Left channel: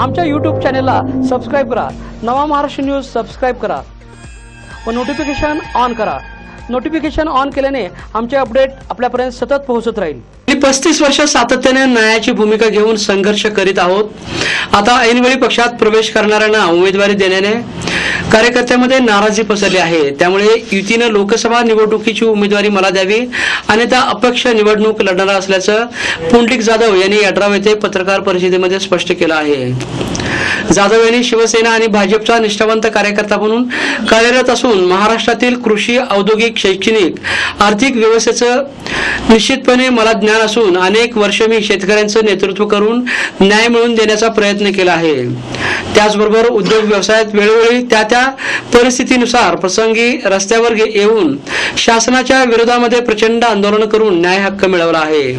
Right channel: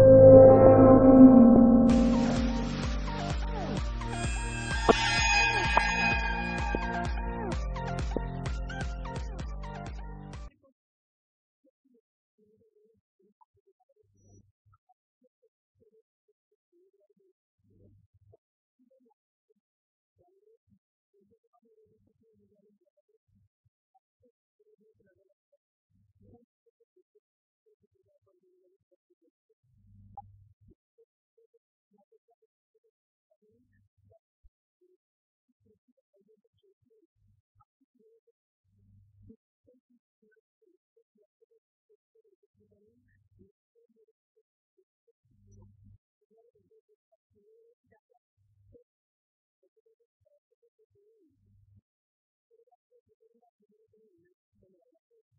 आमच्या यूट्यूब चॅनेलला सबस्क्राईब करा. नवा महाराष्ट्र न्यूज सबस्क्राईब करा. व नोटिफिकेशन ऑन करा. नोटिफिकेशन ऑन केल्याने आमचे अपडेट आपल्यापर्यंत सतत पोहोचत राहील. पस्तीस वर्ष सातत्याने न्यायाची भूमिका घेऊन संघर्ष करीत आहोत. आता ऐनवेळी पक्षात प्रवेश करणाऱ्यांना उमेदवारी देण्याने कार्यकर्त्यांमध्ये नाराजी पसरली आहे. त्यामुळे युतीनं लोकसभा निवडणुकीची उमेदवारी मला द्यावी आणि त्या अपक्ष निवडणूक लढणार असल्याचं पुंडलिक जाधव यांनी अठराव येथे पत्रकार परिषदेमध्ये स्पष्ट केलं आहे. जाधव यांनी शिवसेना आणि भाजपचा निष्ठावंत कार्यकर्ता म्हणून कार्यरत असून महाराष्ट्रातील कृषी औद्योगिक शैक्षणिक आर्थिक व्यवस्थेचं निश्चितपणे मला ज्ञान असून अनेक वर्ष मी शेतकऱ्यांचं नेतृत्व करून न्याय मिळवून देण्याचा प्रयत्न केला आहे. त्याचबरोबर उद्योग व्यवसायात वेळोवेळी त्या त्या परिस्थितीनुसार प्रसंगी रस्त्यावर येऊन शासनाच्या विरोधामध्ये प्रचंड आंदोलन करून न्याय हक्क मिळवला आहे.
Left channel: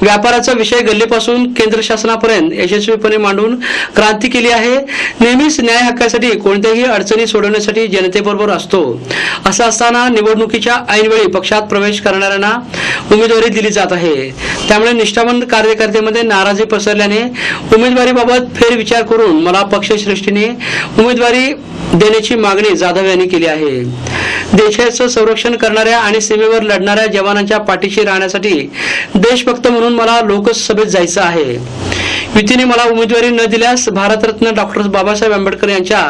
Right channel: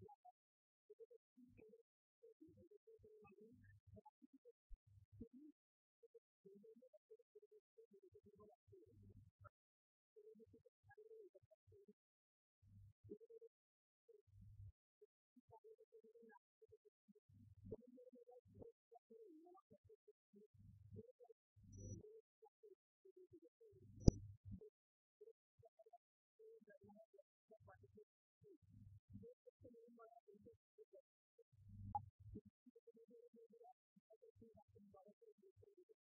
व्यापाराचा विषय गल्लीपासून केंद्र शासनापर्यंत यशस्वीपणे मांडून क्रांती केली आहे. नेहमीच न्याय हक्कासाठी कोणत्याही अडचणी सोडवण्यासाठी जनतेबरोबर असतो. असं असताना निवडणुकीच्या ऐनवेळी पक्षात प्रवेश करणाऱ्यांना उमेदवारी दिली जात आहे. त्यामुळे निष्ठावंत कार्यकर्त्यांमध्ये नाराजी पसरल्याने उमेदवारीबाबत फेरविचार करून मला पक्षश्रेष्ठीने उमेदवारी देण्याची मागणी जाधव यांनी केली आहे. देशाचं संरक्षण करणाऱ्या आणि सीमेवर लढणाऱ्या जवानांच्या पाठीशी राहण्यासाठी देशभक्त म्हणून मला लोकसभेत जायचं आहे. युतीने मला उमेदवारी न दिल्यास भारतरत्न डॉक्टर बाबासाहेब आंबेडकर यांच्या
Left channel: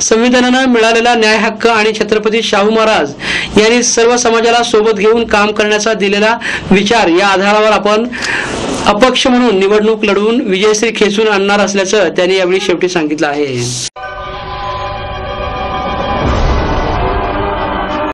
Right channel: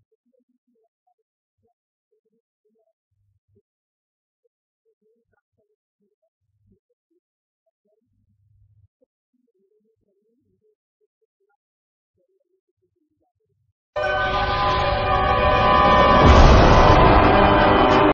संविधानानं मिळालेला न्याय हक्क आणि छत्रपती शाहू महाराज यांनी सर्व समाजाला सोबत घेऊन काम करण्याचा दिलेला विचार या आधारावर आपण अपक्ष म्हणून निवडणूक लढवून विजयश्री खेचून आणणार असल्याचं त्यांनी यावेळी शेवटी सांगितलं आहे.